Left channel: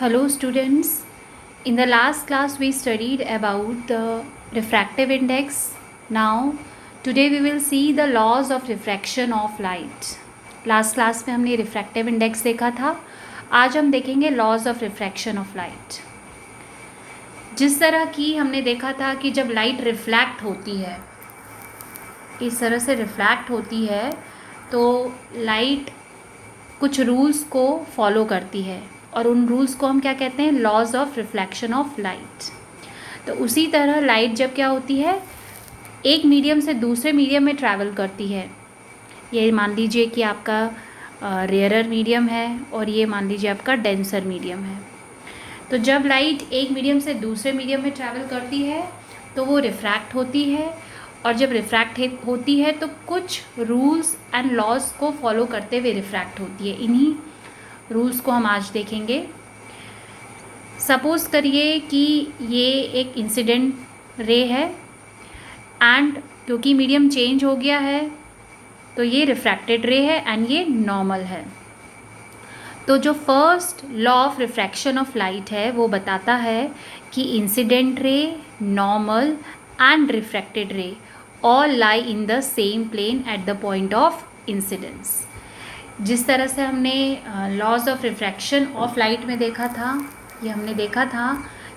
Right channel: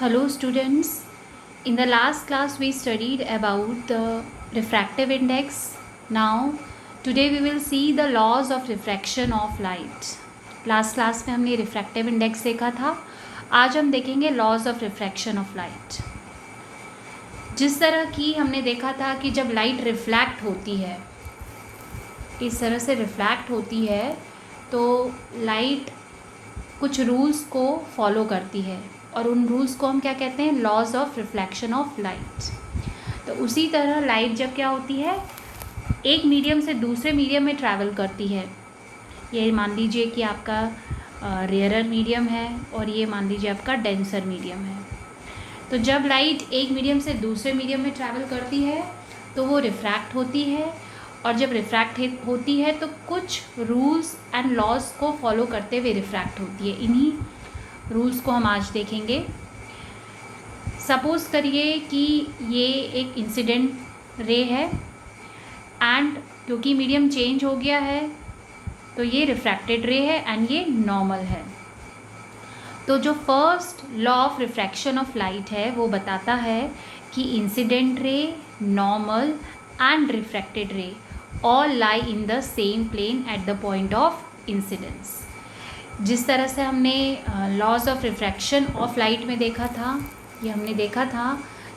Hello students, in the last class we studied about the refractive index. Now today we will see the laws of refraction of light. Last class में हमने refractive index देखा था. आज हम देखेंगे laws of refraction of light. जिस तरह की हमने देखा था कि जब लाइट रिफ्लैक्ट होती है, इस तरह से रिफ्लैक्ट होती है तो लाइट कुछ रूल्स को फॉलो करती है और उन रूल्स को हम क्या कहते हैं, laws of reflection of light. तो उसी तरह लाइट जब क्या होती है, एक मीडियम से दूसरे मीडियम में ट्रैवल करती है. ये मान लीजिए कि आपका रेयरर मीडियम है और ये मान लीजिए आपका डेंसर मीडियम है. तो जब लाइट एक मीडियम से दूसरे मीडियम में ट्रैवल करती है तो वो रिफ्रैक्ट होती है, और जब रिफ्रैक्ट होती है तो कुछ रूल्स एंड लॉज को फॉलो करते हुए रिफ्रैक्ट होती है. इन्हीं रूल्स को हम आज देखेंगे. सपोज़ करिए कि ये एक इंसिडेंट रे है एंड क्योंकि मीडियम चेंज हो गया है तो ये रिफ्रैक्टेड रे है एंड ये नॉर्मल है. तो जो first law of refraction of light है वो बताता है कि incident ray, normal and refracted ray all lie in the same plane at the point of incidence. जिस तरह से हमने laws of refraction of light में देखा था, ये हमने देखा था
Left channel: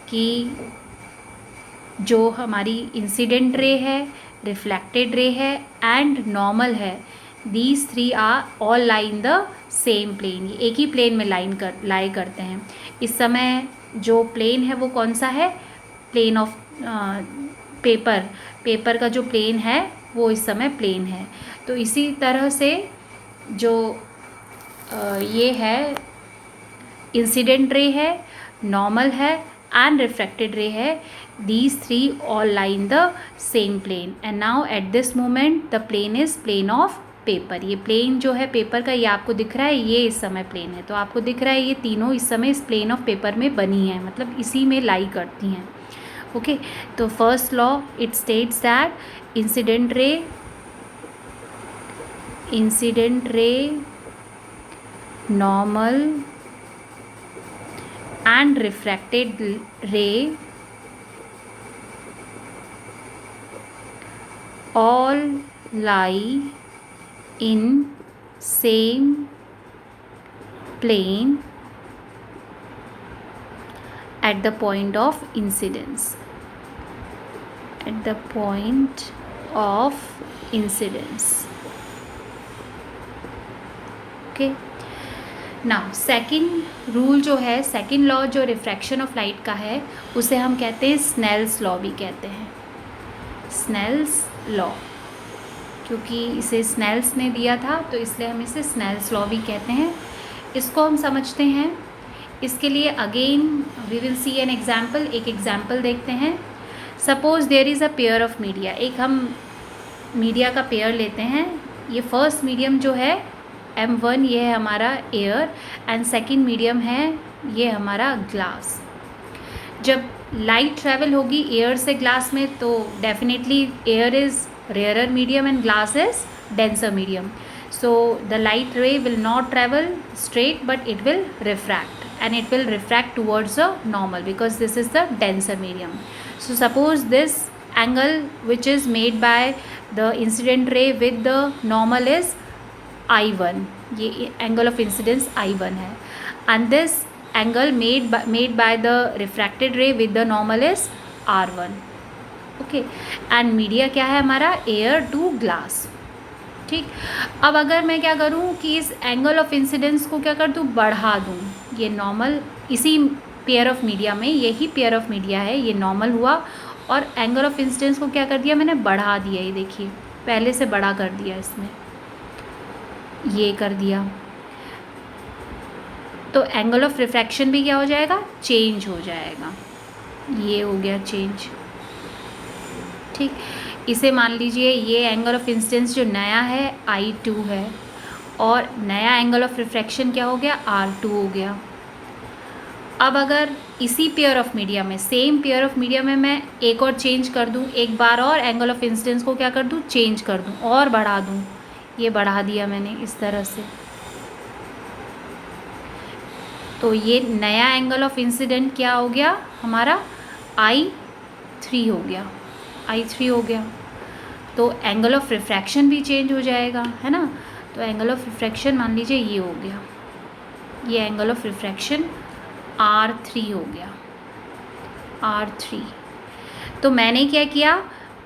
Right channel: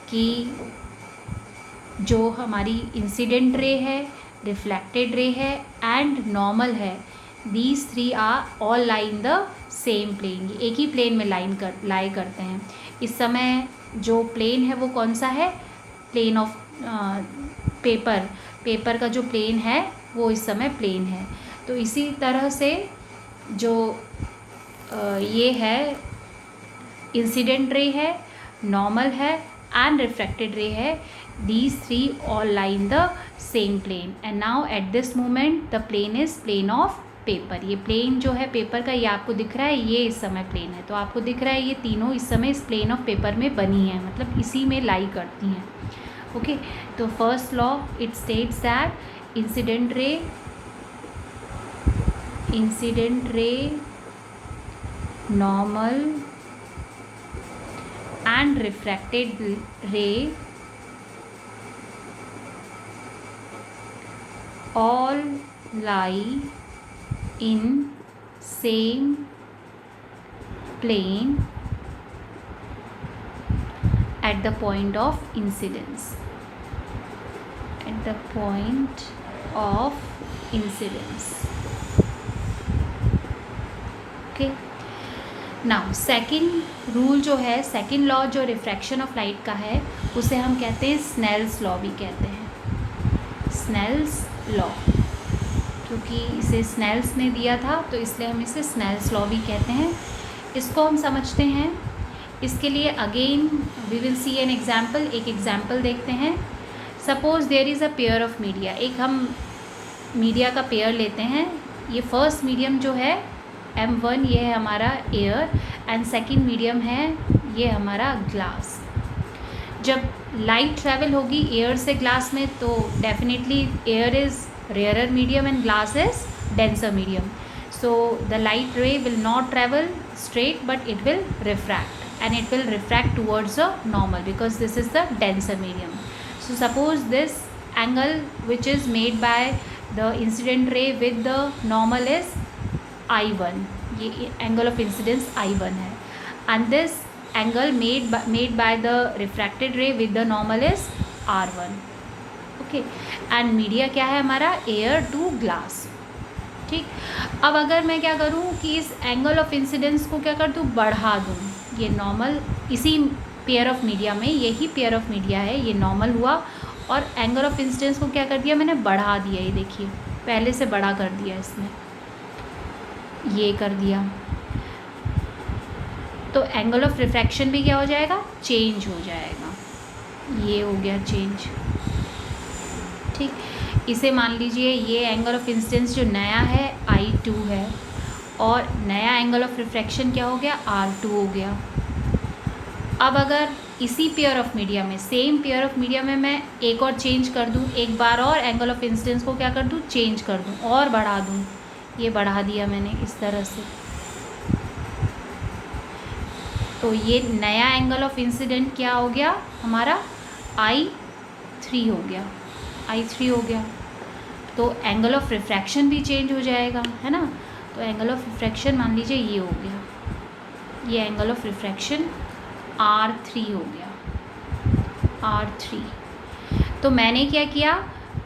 कि जो हमारी इंसिडेंट रे है, रिफ्लेक्टेड रे है एंड नॉर्मल है, these three are all lie in the same plane. ये एक ही प्लेन में लाई करते हैं. इस समय जो प्लेन है वो कौन सा है, प्लेन ऑफ पेपर का जो प्लेन है वो इस समय प्लेन है. तो इसी तरह से जो ये है इंसिडेंट रे है, नॉर्मल है एंड रिफ्रैक्टेड रे है, these three all lie in the same plane. And now at this moment the plane is plane of paper. ये प्लेन जो है पेपर का, ये आपको दिख रहा है, ये इस समय प्लेन है. तो आपको दिख रहा है ये तीनों इस समय इस प्लेन ऑफ पेपर में बनी हैं, मतलब इसी में लाई करती हैं. ओके, तो first law it states that incident ray, normal and refracted ray all lie in same plane at the point of incidence. Okay. Now second rule जो है, सेकंड लॉ जो रिफ्रैक्शन ऑफ लाइट का है, उसे हम कहते हैं स्नेल्स लॉ भी कहते हैं. स्नेल्स लॉ, क्योंकि इसे स्नेल्स ने दिया था तो इसलिए हम इसे स्नेल्स लॉ भी कहते हैं. इसको हम समझते हैं. इसके लिए again we will see an example. एक एग्जाम्पल देखते हैं. Suppose there is a pair of media. एक हम मीडिया का पेयर लेते हैं. ये फर्स्ट मीडियम जो है M1, ये है हमारा एयर एंड सेकंड मीडियम है ये हमारा ग्लास. जब लाइट ट्रैवल होगी एयर से ग्लास में तो definitely air is rarer medium and glass is denser medium. So the light रे will not travel straight but it will refract and it will refract towards the normal because this is the denser medium. So suppose this angle which is made by the incident ray with the normal is I1. ये angle of incidence I1 है. And this angle made by the refracted रे with the normal is R1. Okay, and media क्या है हमारा, air to glass. ठीक, अब अगर मैं क्या करूँ कि इस एंगल ऑफ इंसिडेंस को क्या कर दूँ, बढ़ा दूँ. ये नॉर्मल इसी पेयर ऑफ मीडिया में, यही पेयर ऑफ मीडिया है, ये नॉर्मल हुआ और एंगल ऑफ इंसिडेंस को क्या कर दिया मैंने, बढ़ा दिया. ये देखिए पहले से बड़ा कर दिया, इसमें ये कर दिया. तो एंगल ऑफ रिफ्रैक्शन भी क्या हो जाएगा, चेंज हो जाएगा. ये हो गया चेंज. ठीक, इसे मान लीजिए ये एंगल ऑफ इंसिडेंस जो नया है I2 है और नया एंगल ऑफ रिफ्रैक्शन क्या हो गया, R2 हो गया. अब अगर इसी पेयर ऑफ मीडिया में, सेम पेयर ऑफ मीडिया में मैं एक और चेंज कर दूँ, एक बार और एंगल ऑफ इंसिडेंस को क्या कर दूँ, चेंज कर दूँ और बढ़ा दूँ. ये बढ़ा दिया मैंने इस तरह से. तो ये नया एंगल ऑफ इंसिडेंट क्या हो गया हमारा, I3 हो गया, I3 हो गया। तो एंगल ऑफ रिफ्रैक्शन भी चेंज हो जाएगा, है ना। तो एंगल ऑफ रिफ्रैक्शन मान लीजिए ये हो गया, ये एंगल ऑफ रिफ्रैक्शन R3 हो गया, R3। तो मैंने क्या किया,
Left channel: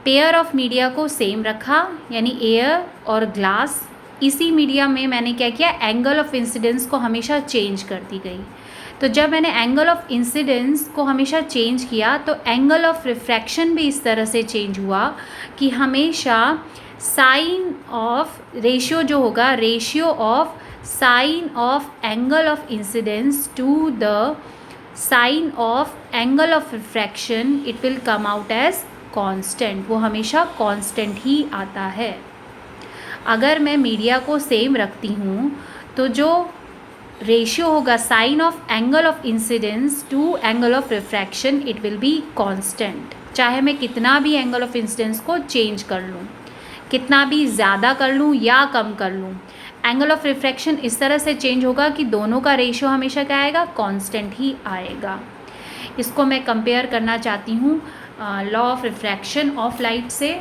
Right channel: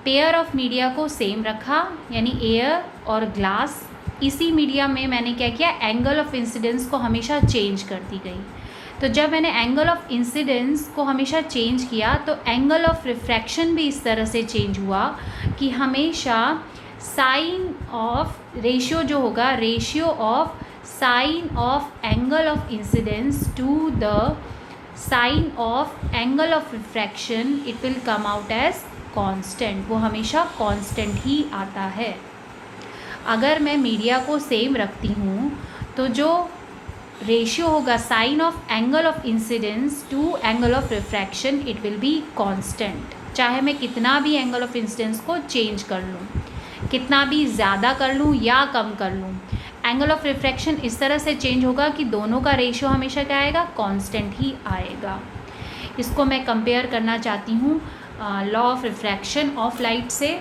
पेयर ऑफ मीडिया को सेम रखा, यानी एयर और ग्लास, इसी मीडिया में मैंने क्या किया, एंगल ऑफ इंसिडेंस को हमेशा चेंज करती गई। तो जब मैंने एंगल ऑफ इंसिडेंस को हमेशा चेंज किया तो एंगल ऑफ रिफ्रैक्शन भी इस तरह से चेंज हुआ कि हमेशा साइन ऑफ रेशियो जो होगा, ratio of sine of angle of incidence to the sine of angle of refraction, it will come out as constant. वो हमेशा कांस्टेंट ही आता है। अगर मैं मीडिया को सेम रखती हूँ तो जो रेशियो होगा sine of angle of incidence to angle of refraction, it will be constant. चाहे मैं कितना भी एंगल ऑफ इंसिडेंस को चेंज कर लूँ, कितना भी ज़्यादा कर लूँ या कम कर लूँ, एंगल ऑफ रिफ्रैक्शन इस तरह से चेंज होगा कि दोनों का रेशियो हमेशा क्या आएगा, कांस्टेंट ही आएगा। इसको मैं कंपेयर करना चाहती हूँ law of refraction of light से।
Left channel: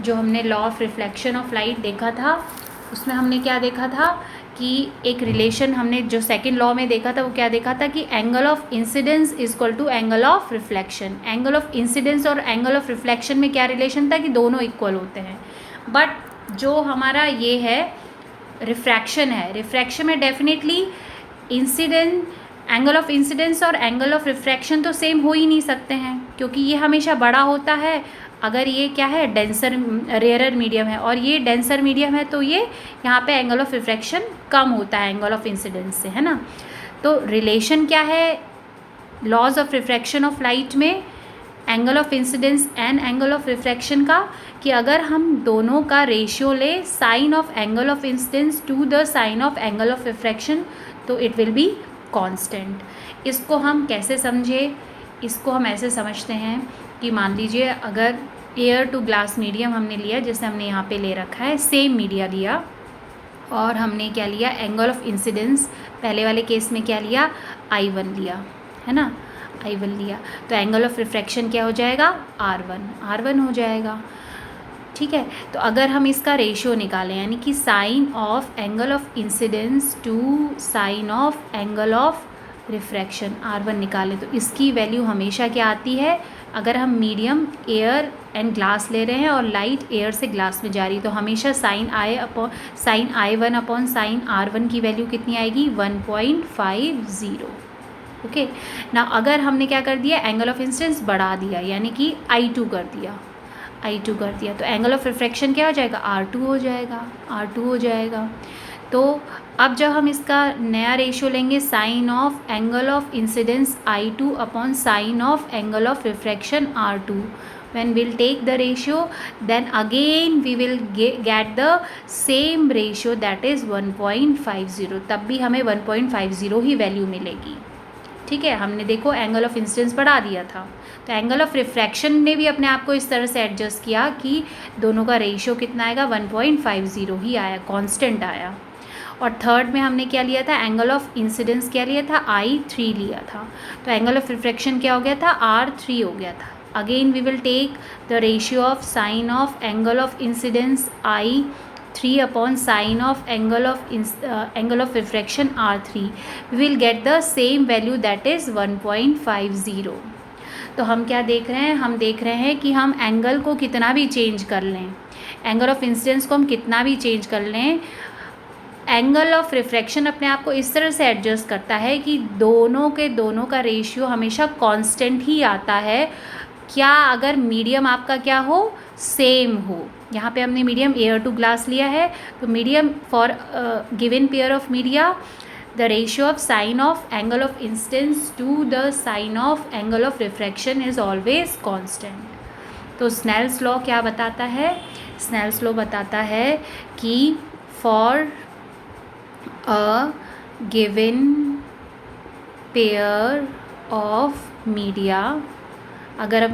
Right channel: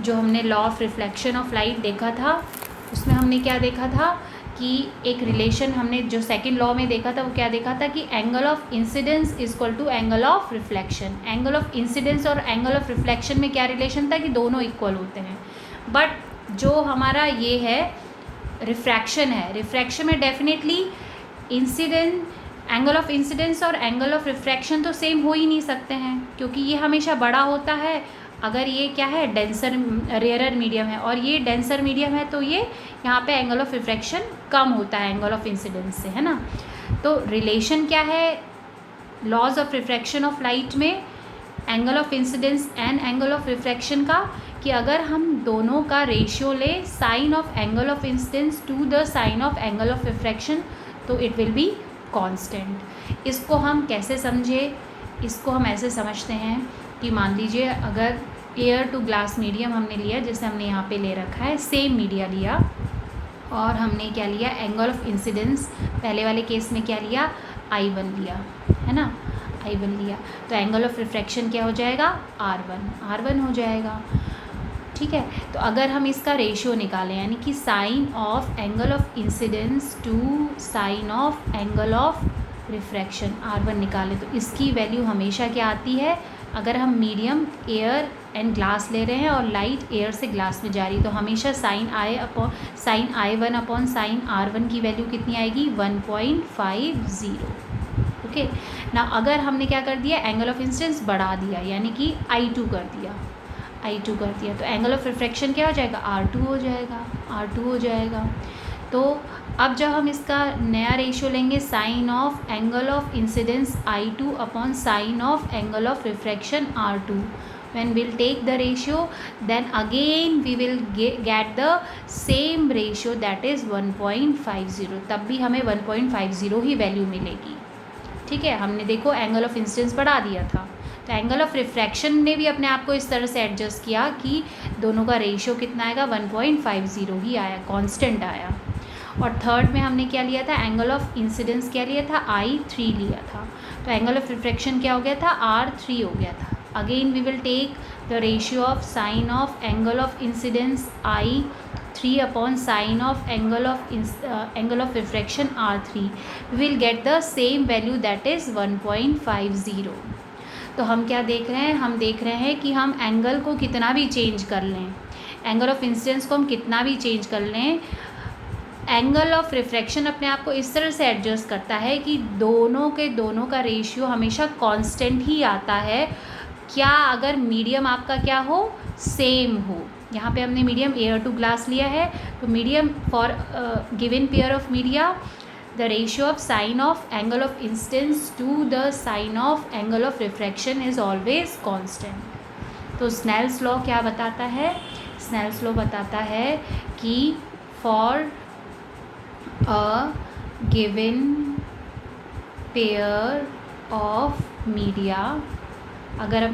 जो हमने law of reflection of light देखा था उसमें हमने क्या देखा था कि एक रिलेशन हमने जो सेकंड लॉ में देखा था वो क्या देखा था कि angle of incidence is equal to angle of reflection. Angle of incidence और एंगल ऑफ रिफ्लेक्शन में क्या रिलेशन था कि दोनों इक्वल होते हैं। बट जो हमारा ये है रिफ्रैक्शन है, रिफ्रैक्शन में definitely incident, angle of incidence और एंगल ऑफ रिफ्रैक्शन तो सेम हो ही नहीं सकते हैं, क्योंकि ये हमेशा बड़ा होता है अगर ये क्या है, डेंसर रेयरर मीडियम है, और ये डेंसर मीडियम है तो ये यहाँ पे एंगल ऑफ रिफ्रैक्शन कम होता है एंगल ऑफ इंसिडेंस से, है ना। तो रिलेशन क्या है laws of refraction of light में angle of incidence and angle of refraction का, कि अगर हम दोनों का रेशियो ले sine of angle of incidence to the sine of angle of refraction, तो इट विल बी कांस्टेंट। इसको हम कैसे समझे, इसको हम ऐसे समझते हैं कि मान लीजिए अगर एयर टू ग्लास मीडियम हमने लिया, जैसे हमने यहाँ पे ले रखा है, सेम मीडिया लिया और हमने क्या लिया, एंगल ऑफ इंसिडेंस पहले वाले केस में क्या लिया, I1 लिया, है ना, I1 लिया। तो एंगल ऑफ रिफ्रैक्शन क्या हो जाएगा, R1 हो जाएगा। ठीक है, तो अगर हम इसका रेशियो निकालें, यानी कि sine of angle of incidence to sine of angle of refraction R1 निकालें, तो इसकी वैल्यू हमेशा क्या आती है, अगर हम मीडियम एयर एंड ग्लास ले रहे हैं और लाइट एयर से ग्लास में जा रही, तो हमेशा sign I1 upon sine R1 की वैल्यू कितनी आएगी, 1.50। ओके ना, अगर हमने क्या कर दिया, एंगल ऑफ इंसिडेंस बढ़ा दिया, यानी कि I2 कर दिया, तो एंगल ऑफ रिफ्रैक्शन क्या हो जाएगा, R2 हो जाएगा। तो अब जब हम इसका नया रेशियो लेंगे, sine of angle of incidence I2 upon sine of angle of refraction R2, when we'll take the ratio, then again we will get the same ratio, that is 1.50। तब भी हमें 1.50 ही वैल्यू मिलेगी। ठीक है, हमने देखो एंगल ऑफ इंसिडेंस बढ़ा दिया था, तो एंगल ऑफ रिफ्रैक्शन ने भी अपने आप को इस तरह से एडजस्ट किया कि दोनों का रेशियो कितना आएगा, 1.50 ही आया, कांस्टेंट आया। और थर्ड में हमने क्या लिया था, एंगल ऑफ इंसिडेंस क्या लिया था, I3 लिया था, तो एंगल ऑफ रिफ्रैक्शन क्या हो गया था, R3 हो गया था। Again we will take the ratio of sine of angle of incidence I3 upon sine of angle of refraction R3, we will get the same value, that is 1.50। तो हम क्या देख रहे हैं, हम देख रहे हैं कि हम एंगल को कितना भी चेंज कर लें, एंगल ऑफ इंसिडेंस को हम कितना भी चेंज कर लें, एंगल ऑफ रिफ्रैक्शन अपने आप को इस तरह से एडजस्ट करता है कि दोनों का रेशियो हमेशा कांस्टेंट ही आता है। क्या, अगर मीडियम आपका क्या हो, सेम हो। यहाँ पे हमने मीडियम एयर टू ग्लास लिया है, तो medium for given pair of media, the ratio of sine of angle of incidence to the sine of angle of refraction is always constant. तो स्नेल्स लॉ क्या बताता है, स्नेल्स लॉ बताता है कि for a given pair of media, अगर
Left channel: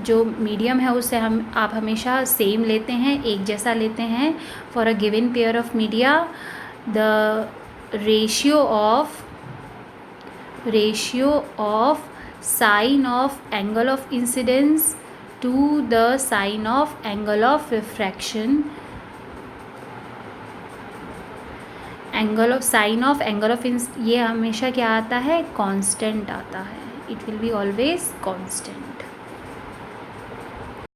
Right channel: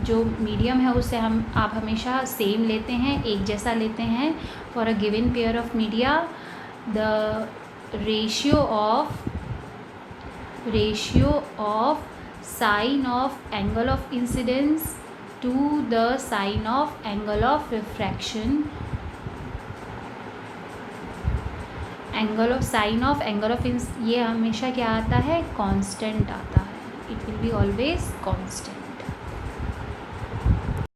जो medium है उसे आप हमेशा सेम लेते हैं, एक जैसा लेते हैं, for a given pair of media the ratio of ratio of sine of angle of incidence to the sine of angle of refraction, angle of sine of angle of ये हमेशा क्या आता है, कांस्टेंट आता है, it will be always constant.